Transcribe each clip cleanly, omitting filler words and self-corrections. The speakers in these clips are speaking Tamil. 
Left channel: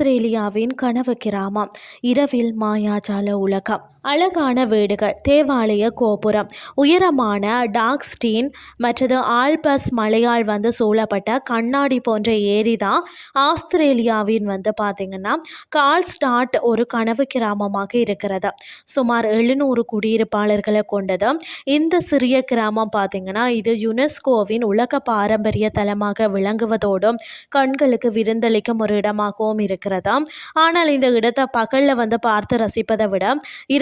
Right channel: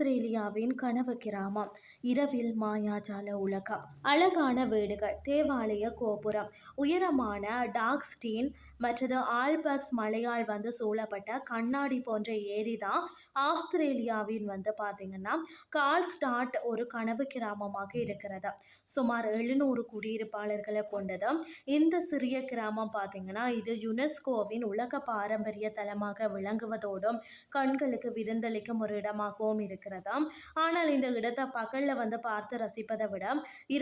ஆஸ்திரேலியாவின் கனவு கிராமம். இரவில் மாயாஜால உலகம். அழகான வீடுகள், தேவாலய கோபுரம், உயரமான டாக்ஸ்டீன் மற்றது ஆல்பஸ் மலையால் சூழப்பட்ட கண்ணாடி போன்ற ஏரி தான் ஆஸ்திரேலியாவின் பார்த்தீங்கன்னா கால்ஸ்டாட் ஒரு கனவு கிராமமாக இருக்கிறது. சுமார் 700 குடியிருப்பாளர்களை கொண்டது இந்த சிறிய கிராமம் பார்த்தீங்கன்னா இது யுனெஸ்கோவின் உலக பாரம்பரிய தலமாக விளங்குவதோடும் கண்களுக்கு விருந்தளிக்கும் ஒரு இடமாகவும் இருக்கிறதா. ஆனால் இந்த இடத்தை பகலில் பார்த்து ரசிப்பதை விட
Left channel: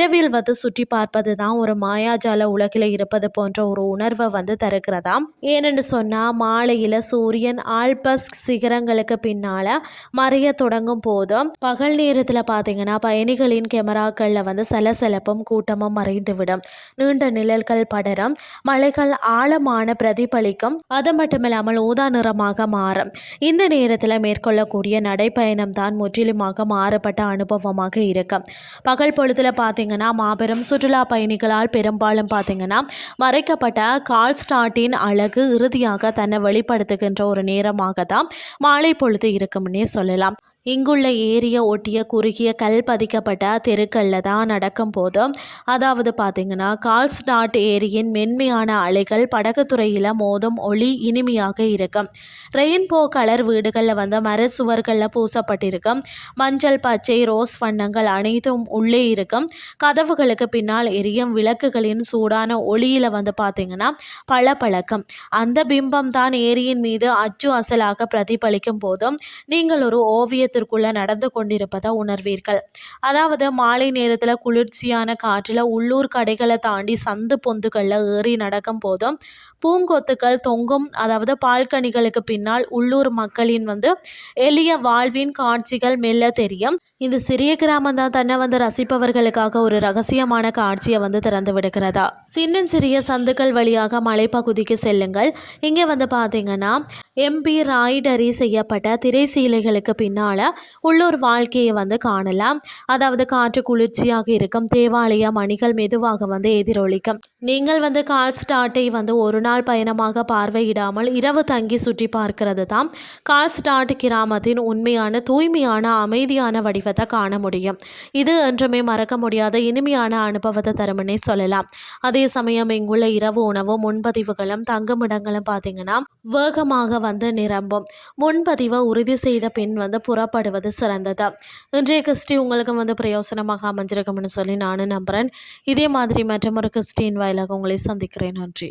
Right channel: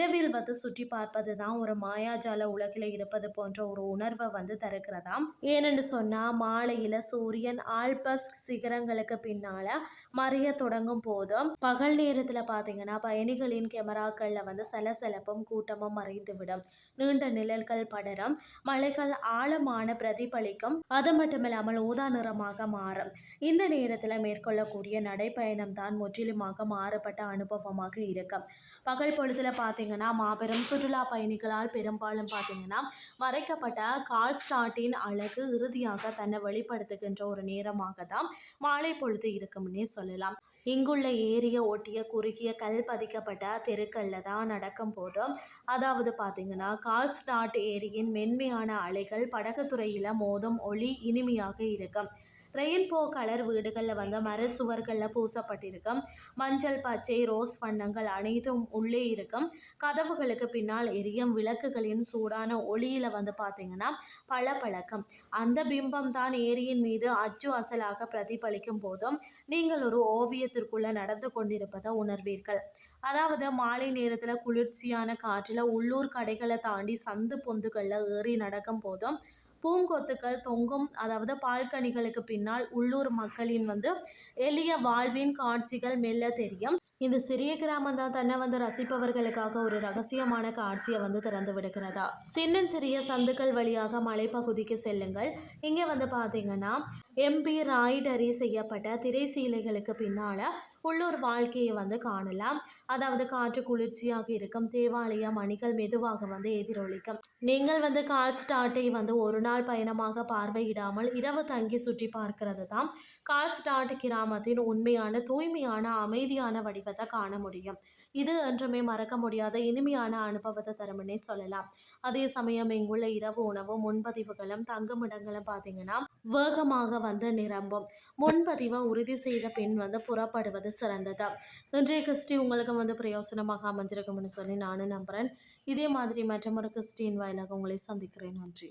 இரவில் சுற்றி பார்ப்பது தான் ஒரு மாயாஜால உலகில் இருப்பது போன்ற ஒரு உணர்வை தருகிறதா. ஏனென்று சொன்னால் மாலையில் சூரியன் ஆல்பஸ் சிகரங்களுக்கு பின்னால் மறைய தொடங்கும் போதும் பகல் நேரத்தில் பார்த்தீங்கன்னா பயணிகளின் கேமராக்களில் சலசலப்பும் கூட்டமும் மறைந்துவிடும். நீண்ட நிழல்கள் படரும், மலைகள் ஆழமான பிரதிபலிக்கும், அது மட்டுமில்லாமல் ஊதா நிறமாக மாறும். இந்த நேரத்தில் மேற்கொள்ளக்கூடிய நடைப்பயணம் தான் முற்றிலுமாக மாறுபட்ட அனுபவமாக இருக்கும். பகல் பொழுதுல பார்த்தீங்கன்னா மாபெரும் சுற்றுலா பயணிகளால் பெரும்பாலும் பார்த்தீங்கன்னா மறைக்கப்பட்ட கால்ஸ்டாட்டின் அழகு இறுதியாக தன்னை வெளிப்படுத்துகின்ற ஒரு நேரமாக தான் மாலை பொழுது இருக்கும்னே சொல்லலாம். இங்குள்ள ஏரியை ஒட்டிய குறுகிய கல் பதிக்கப்பட்ட தெருக்களில் தான் நடக்கும் போது அதாவது பார்த்தீங்கன்னா கால்ஸ்டாட் ஏரியின் மென்மையான அலைகள் படகுத்துறையில் மோதும் ஒளி இனிமையாக இருக்கும். ரெயின்போ கலர் வீடுகளில் மர சுவர்களில் பூசப்பட்டிருக்கும் மஞ்சள், பச்சை, ரோஸ் வண்ணங்கள் அனைத்தும் உள்ளே இருக்கும். கதவுகளுக்கு பின்னால் எரியும் விளக்குகளின் சூடான ஒளியில் பார்த்தீங்கன்னா பளபளக்கும். அந்த பிம்பம் தான் ஏரியின் மீது அச்சு அசலாக பிரதிபலிக்கும் போதும் நீங்கள் ஒரு ஓவியத்திற்குள்ள நடந்து கொண்டிருப்பதை உணர்வீர்கள். அதாவது மாலை நேரத்தில் குளிர்ச்சியான காற்றில் உள்ளூர் கடைகளை தாண்டி சந்து பொந்துகளில் ஏறி நடக்கும் போதும் பூங்கொத்துக்கள் தொங்கும் அதாவது பால்கனிகளுக்கு பின்னால் உள்ளூர் மக்களின் எளிய வாழ்வின் காட்சிகள் மெல்ல தெரியும். இந்த சிறிய கிராமம் தான் தன்னை ரசிப்பவர்களுக்காக ஒரு ரகசியமான காட்சியை திறந்து விடுகிறதா. சிறிய சந்துக்கள் வழியாக மலைப்பகுதிக்கு செல்லுங்கள். இங்கே பார்த்தீங்கன்னா எம்பிராய்டரி செய்யப்பட்ட திரைசீலைகளுக்கு பின்னால் உள்ளூர் வாழ்க்கையை காணலாம். அதாவது காற்று குளிர்ச்சியாக இருக்கும், தேவாலய மணிகள் மெதுவாக எதிரொலிக்கும். நீங்கள் கால்ஸ்டாட்டை ஒரு நாள் பயணமாக பார்வையிடாமல் இரவு தங்கி சுற்றி பார்க்கிறது தான் கால்ஸ்டாட் கிராமத்தின் உண்மையான தூய்மையான அமைதியான வடிவத்தை காண முடியும். இது என்றுமே மறக்க முடியாத இனிமையான அனுபவத்தை தரும்னே சொல்லலாம். அதே சமயம் இங்குள்ள இரவு உணவு முன்பதிவுகளும் தங்குமிடங்களும் பார்த்தீங்கன்னா வேகமாக நிரம்பும். முன்பதிவை உறுதி செய்த பின் புறப்படுவது சிறந்தது. இன்றைய கிறிஸ்டி உங்களுக்கு பிரயோசனமாக அமைஞ்சிருக்கும்னு சொல்லி நானும் நம்புகிறேன். இதே மாதிரி மற்றொரு கிறிஸ்டின் வாயிலாக உங்களை சந்திக்கிறேன். நன்றி.